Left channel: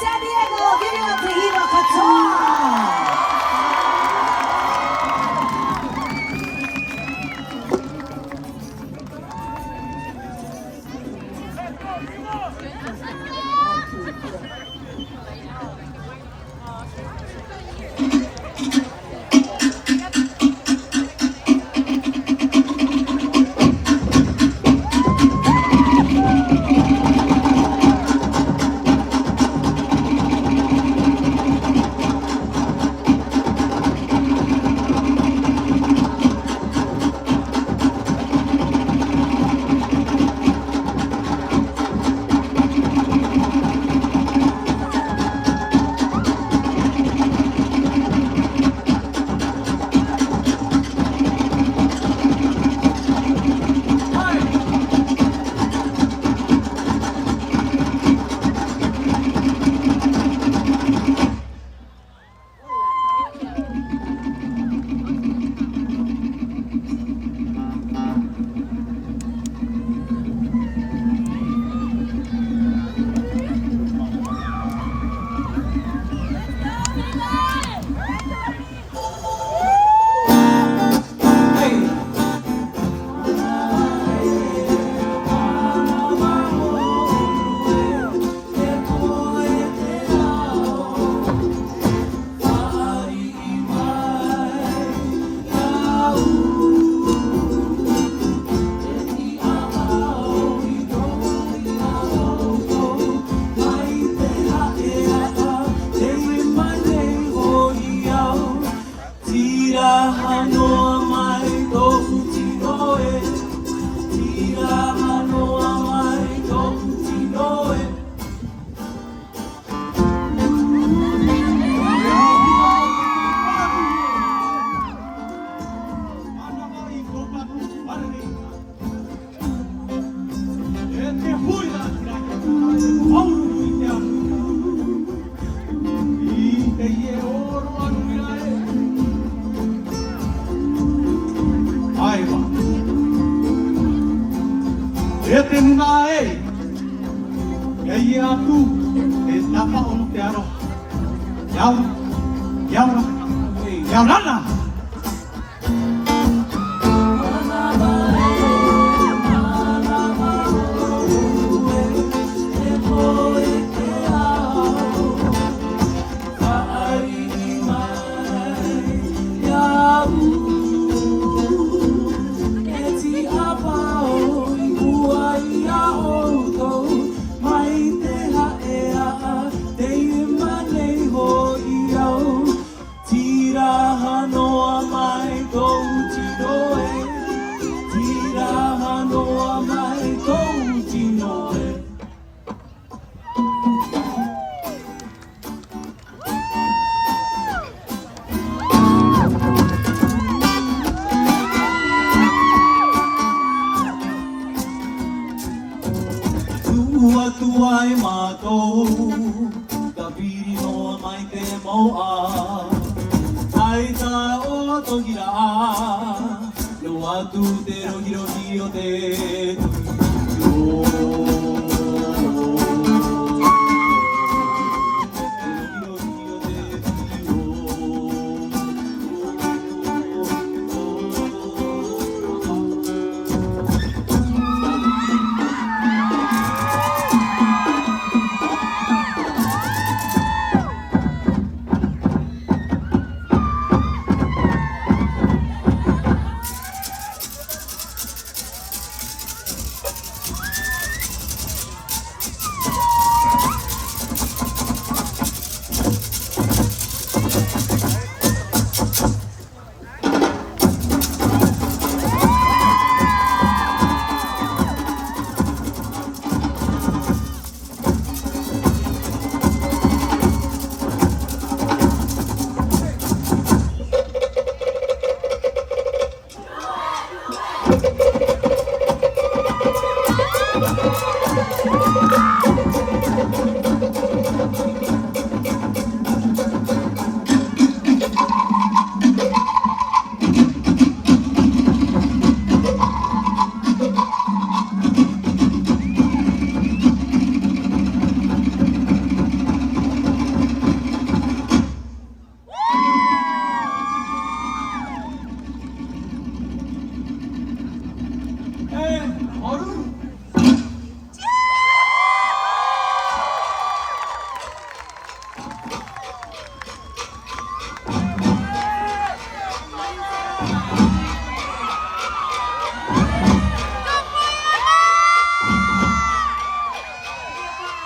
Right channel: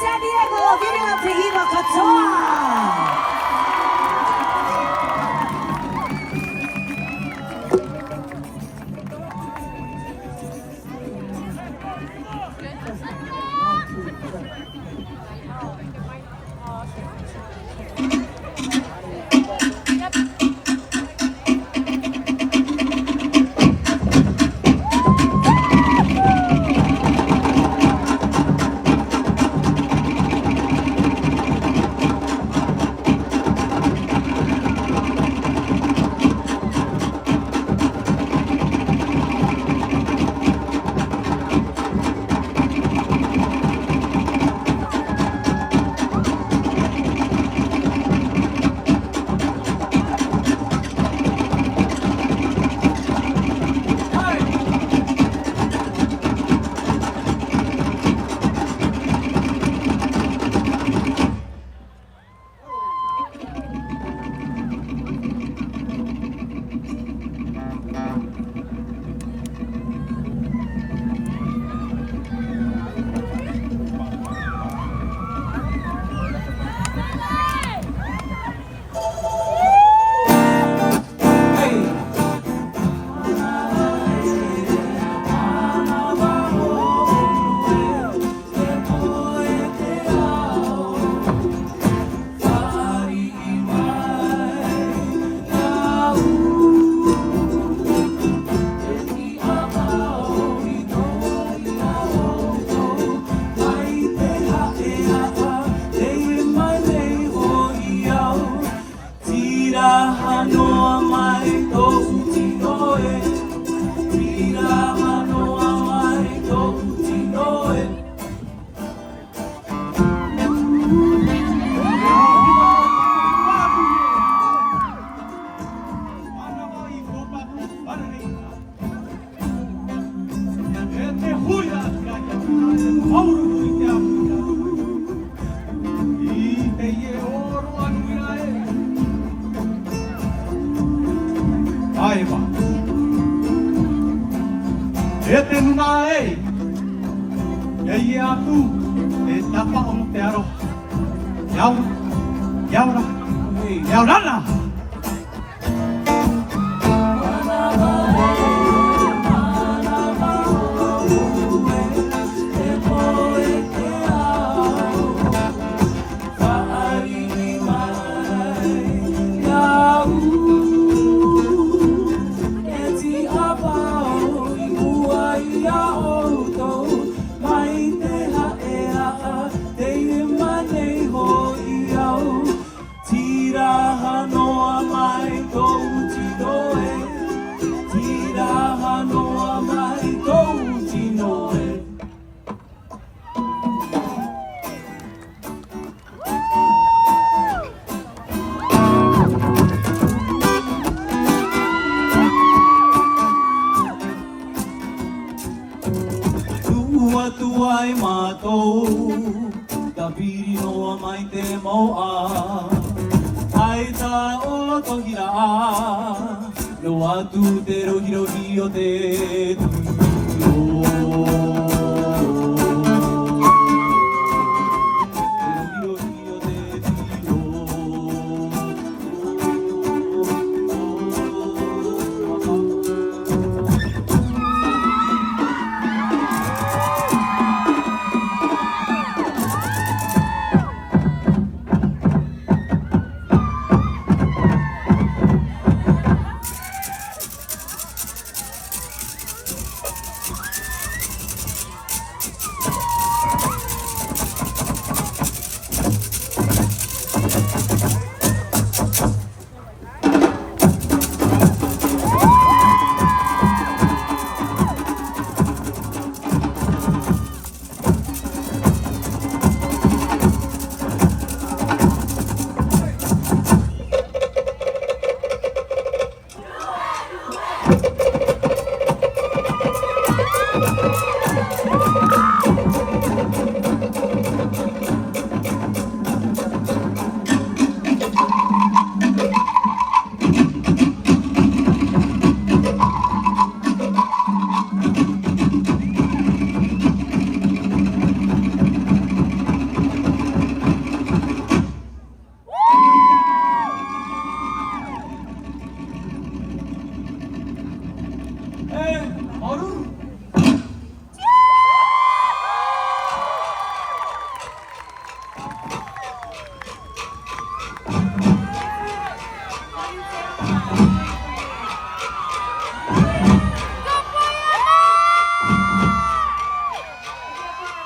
San Diego, give it up to Hiro Couture.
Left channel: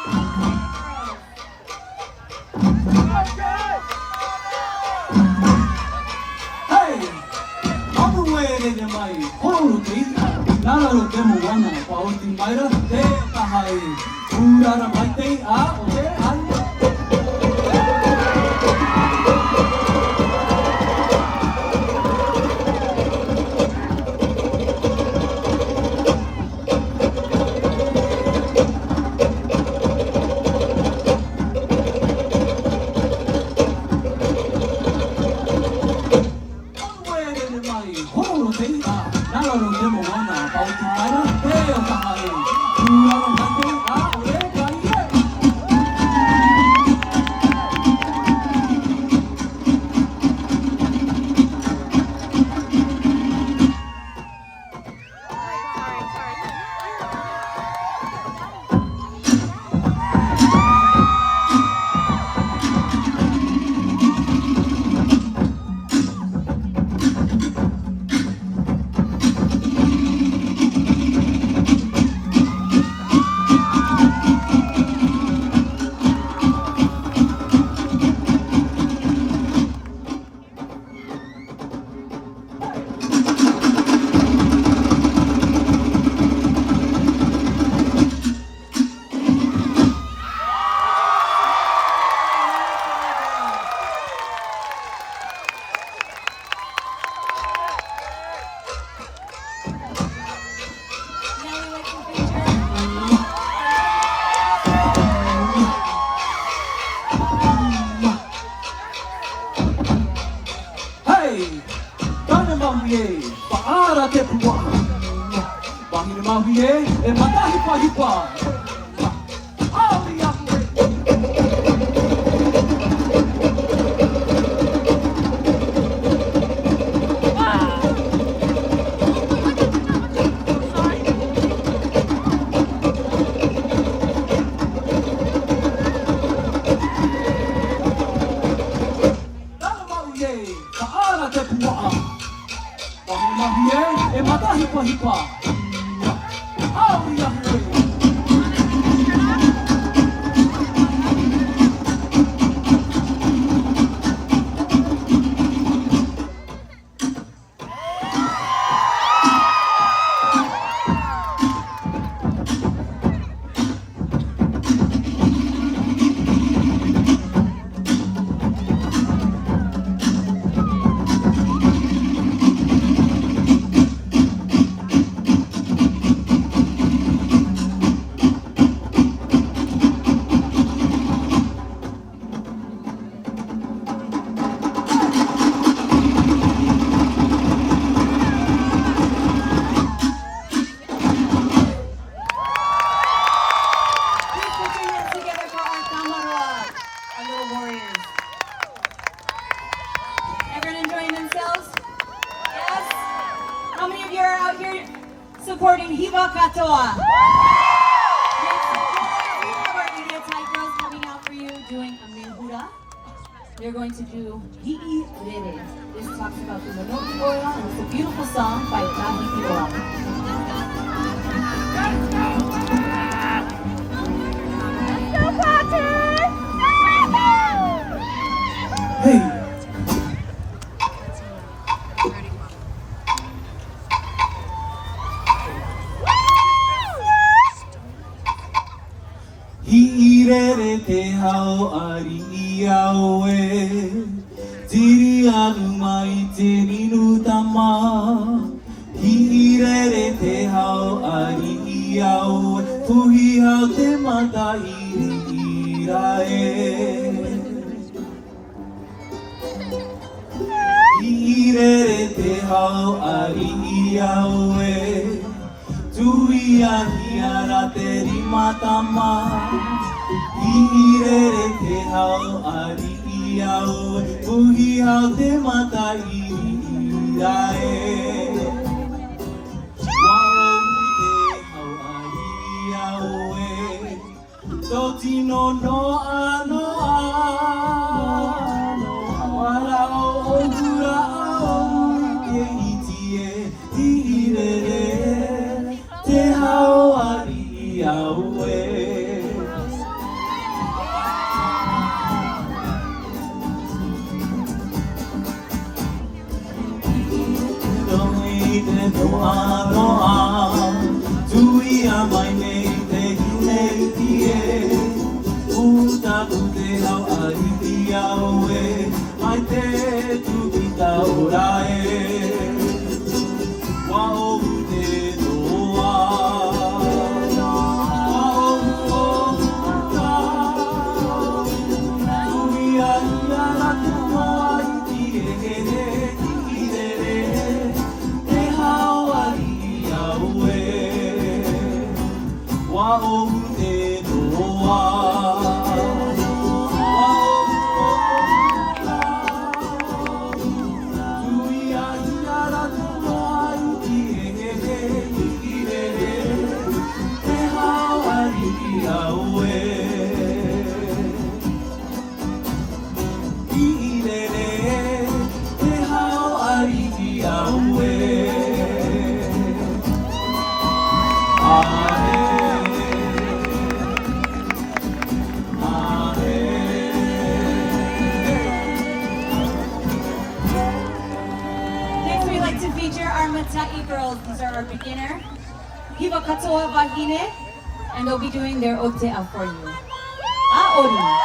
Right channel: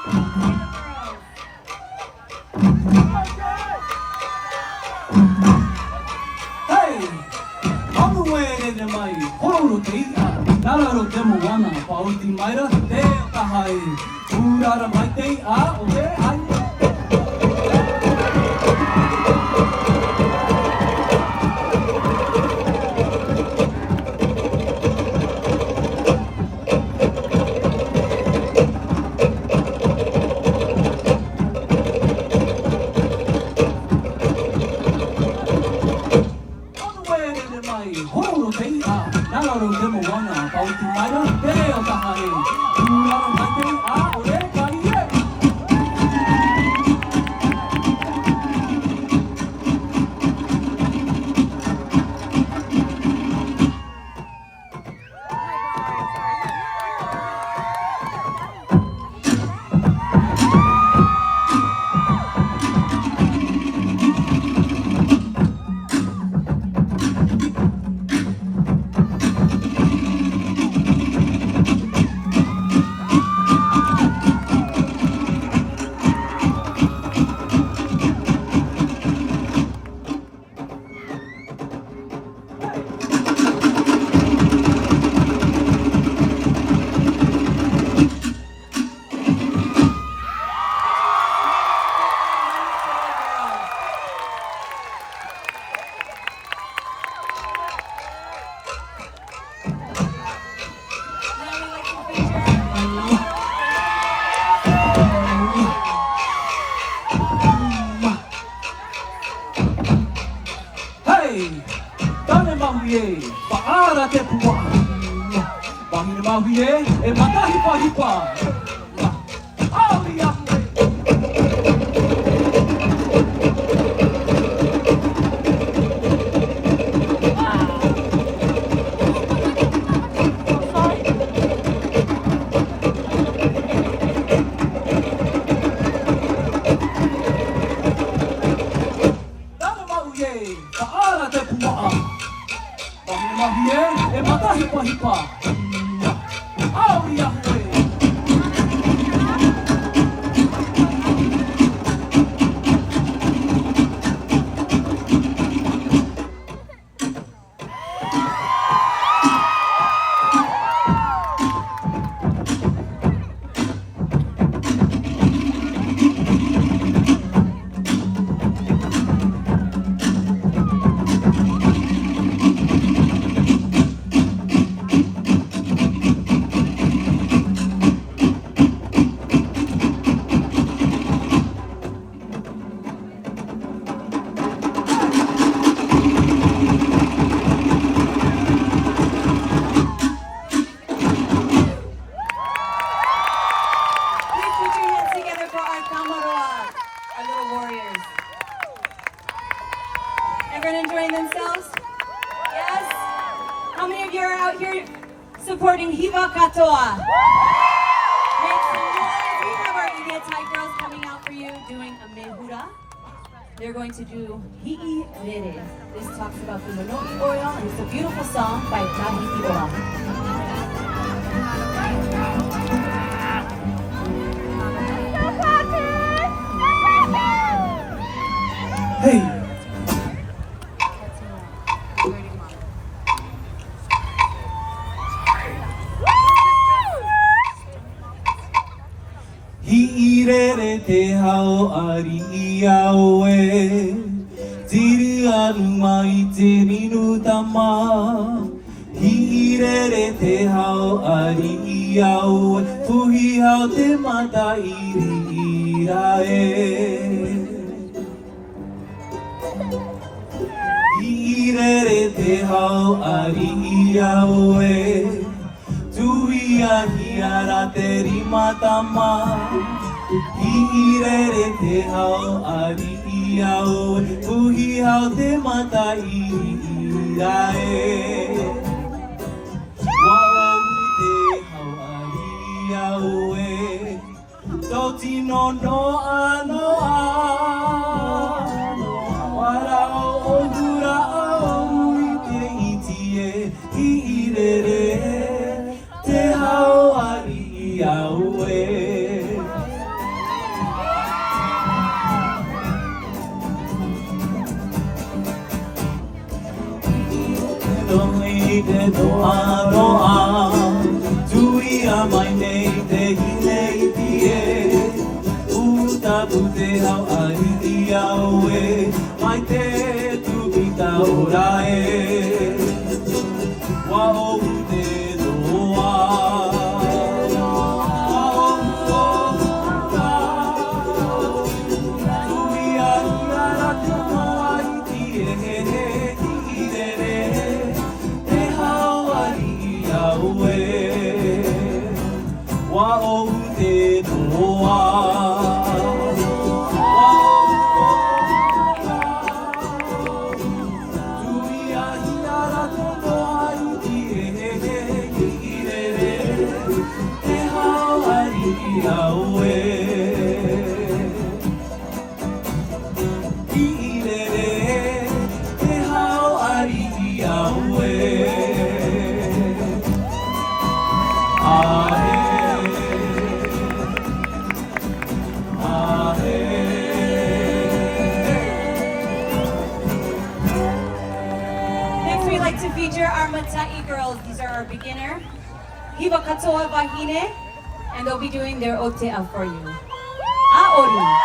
Hey, I'm aware that my whole day, not a demo one, about the Myra, there, I, who are my day, where I Everyone enjoying themselves? Yes? How many of you are out here supporting Hiba Katoa? Make some noise. We have our Idiot Thai girls coming out for you doing a mehura. They're going to do Hi'i Rere. This talks about the Minoki oil, and it's a beautiful song by Tahi Iroa. Hey. Hi'irere te hao ari I au e Tiri alunga I te minutama Hi'irere te hao ari I au e Puhi hao te mata ira e Hi'irere te hao ari I au e Tui ahi ara te rimatama Hi'irere te hao ari I au e Puhi hao te mata ira e Wa'au te hao ari I au e Toti no noa noa Wara o ura au I te iti e Hi'irere te hao ari I au e no no Tuia mai nei te nei tie Uta pute hau ari aue Mai te tu ita orae Wao te doa Wao Tuia nara te mai tie Tirere Te hau ari aue Wao te doa Next, we'd like to feature our Matai girls. These are our beginner Hiba Katoa Wahine, and they'll be doing their otea for you. Aori.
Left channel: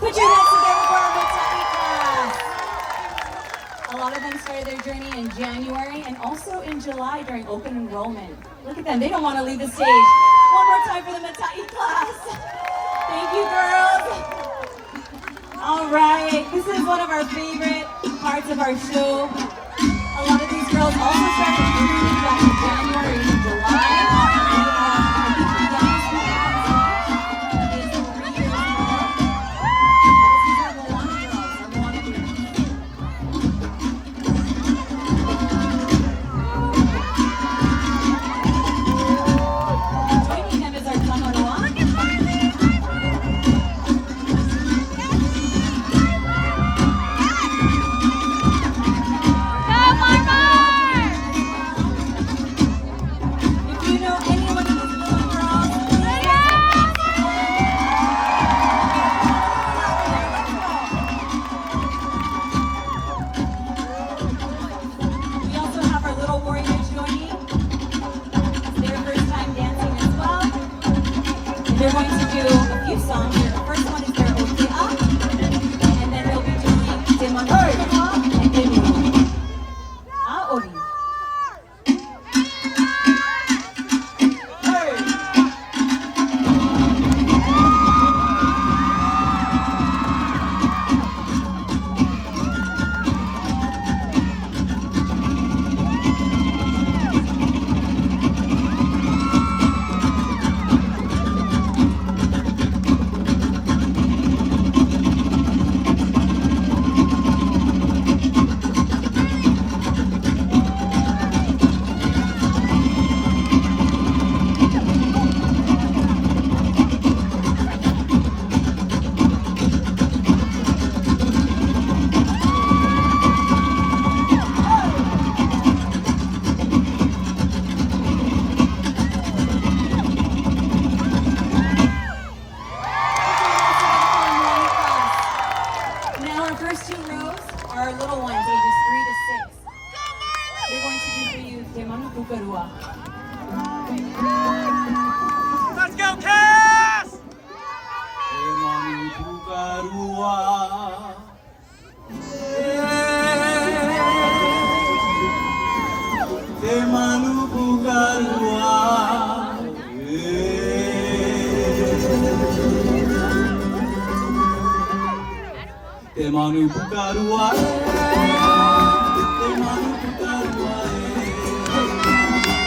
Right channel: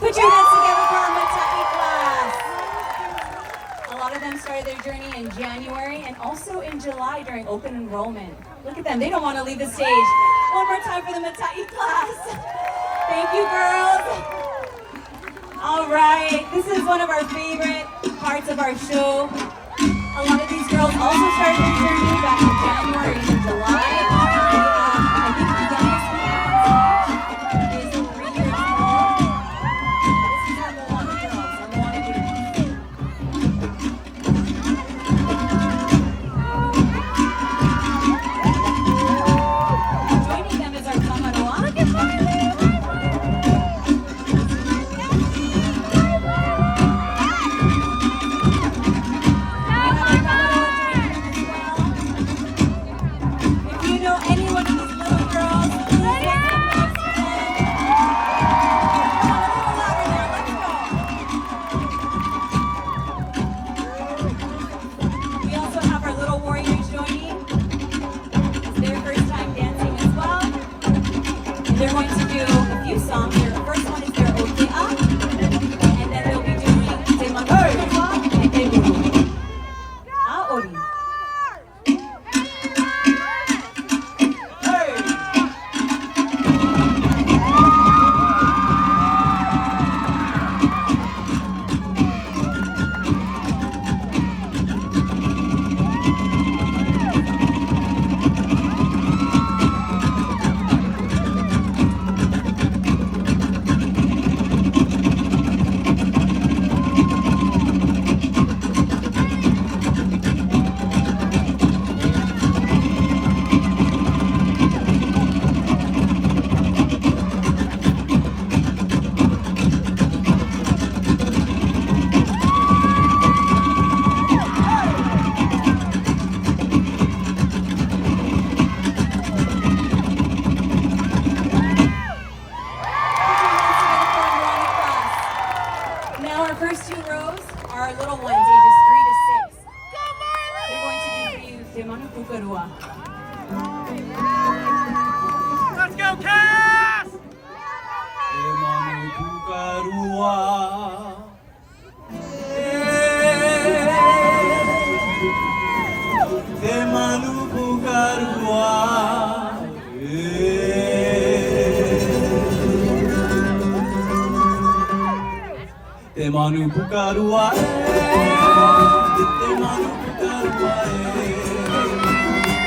Put your hands together for our Matai class. A lot of them started their journey in January and also in July during open enrollment. Look at them, they don't want to leave the stage. One more time for the Matai class. Thank you, girls. All right, this is one of our favorite parts of our show. A lot of these girls also started their journey back in January and July. first two rows are little ones, ages 3 to 6. They're going to do for you Te Manu Pukarua. Let's go, Cass! Te manu pukarua. Te manu pukarua. Te manu pukarua. Te manu pukarua.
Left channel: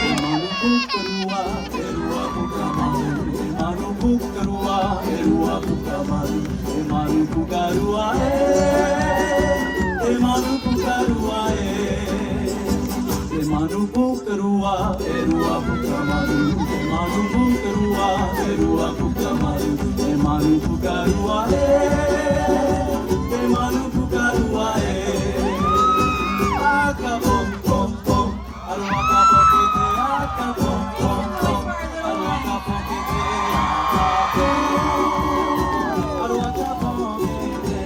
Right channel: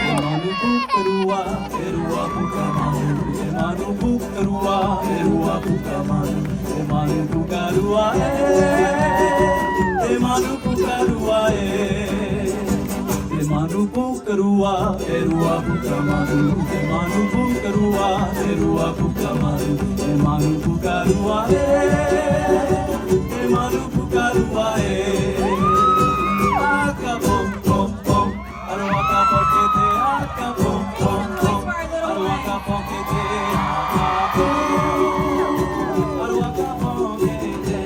Te manu pukarua. Erua pukamanu. Te manu pukarua. Erua pukamanu. Te manu pukarua. Te manu pukarua. Te manu pukarua. Erua pukamanu. Te manu pukarua. Erua pukamanu. Te manu pukarua. Te manu pukarua. Akabom bom bom. Arawaka pokete akabom bom bom. Arawaka pokete akabom. Arawaka pokete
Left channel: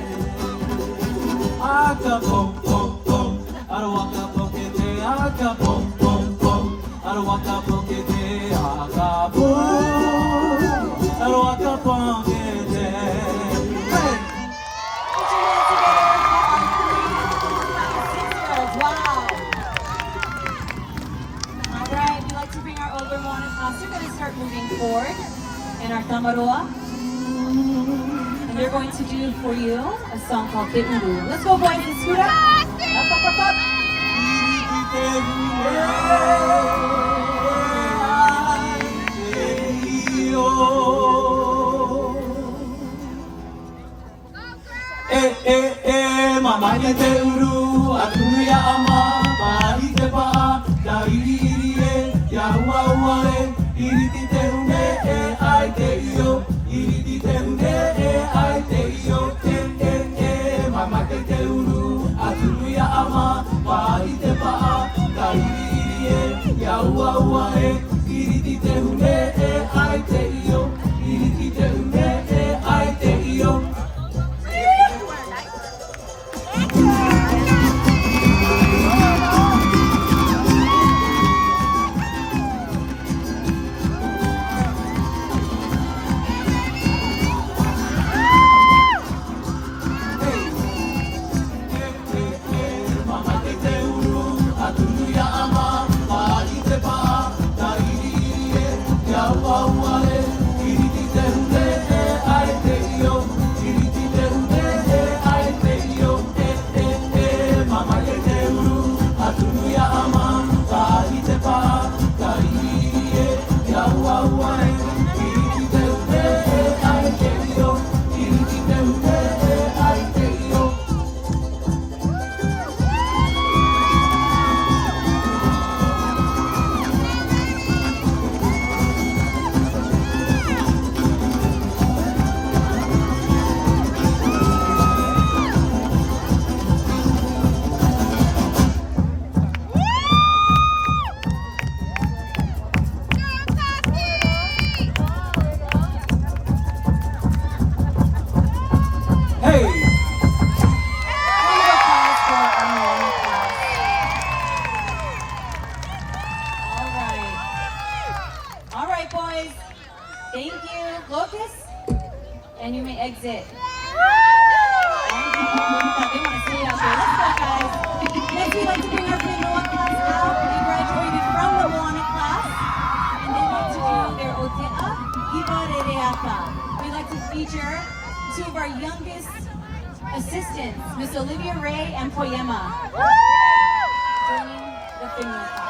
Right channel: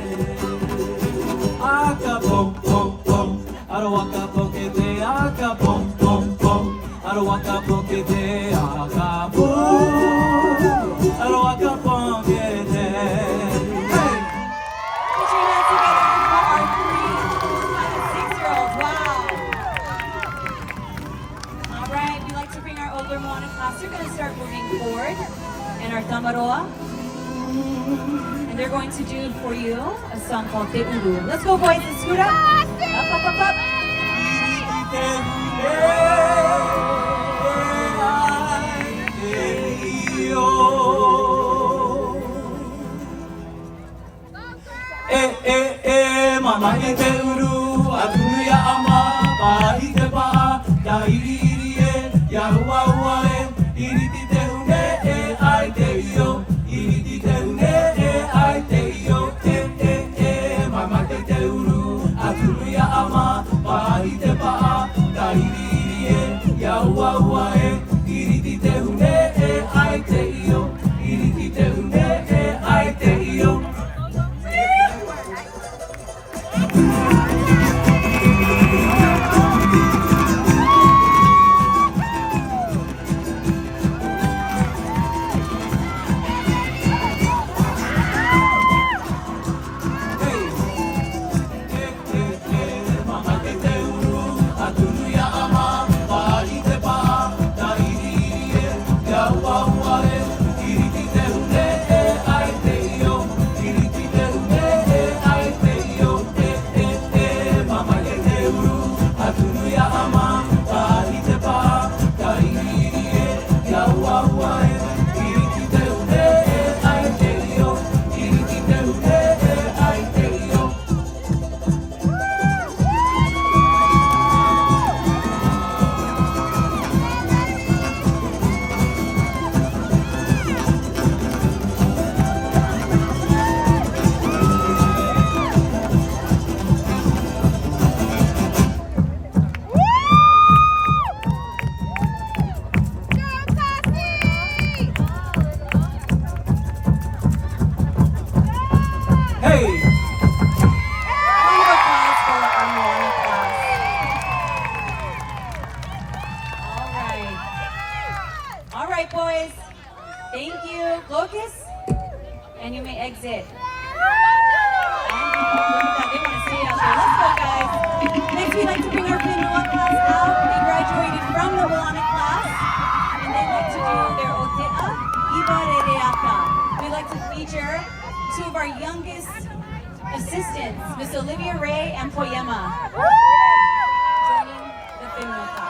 akabom bom bom. Arawaka pokete akabom bom bom. Arawaka pokete akabom. Arawaka pokete. Put your hands together for our 3 and 6-year-olds. Wow. All right, we'd like to bring our older Moana class. They're going to start moving forward in our tamaroa. And they're going to do for you a song called Te Uru. Let's go, boys. Let's scoot up. Up, up, up, up. Mama ke te uru, atunu ya ama, para i te paha, ta iri iri e, ya hua hua e, iri ti te hune e, ai te io, iri ti te hune e, ai te io, mama ke te uru, atunu ya ama, para i te paha, ta iri iri e, ya hua hua e, iri ti te hune e, ai te io, iri ti te hune e, ai te io. Boys, thank you. Locust, and you may exit. They want to stay out there. Let's go, guys. Next, we'd like to bring our Pinoa class out. They graduated from the Moana class, and they want to do their Ote'a Iba Rereaka. We'd like to feature 2 of our youngest assistants, Miss Olivia Ray and Poyema, joining the Pinoa class.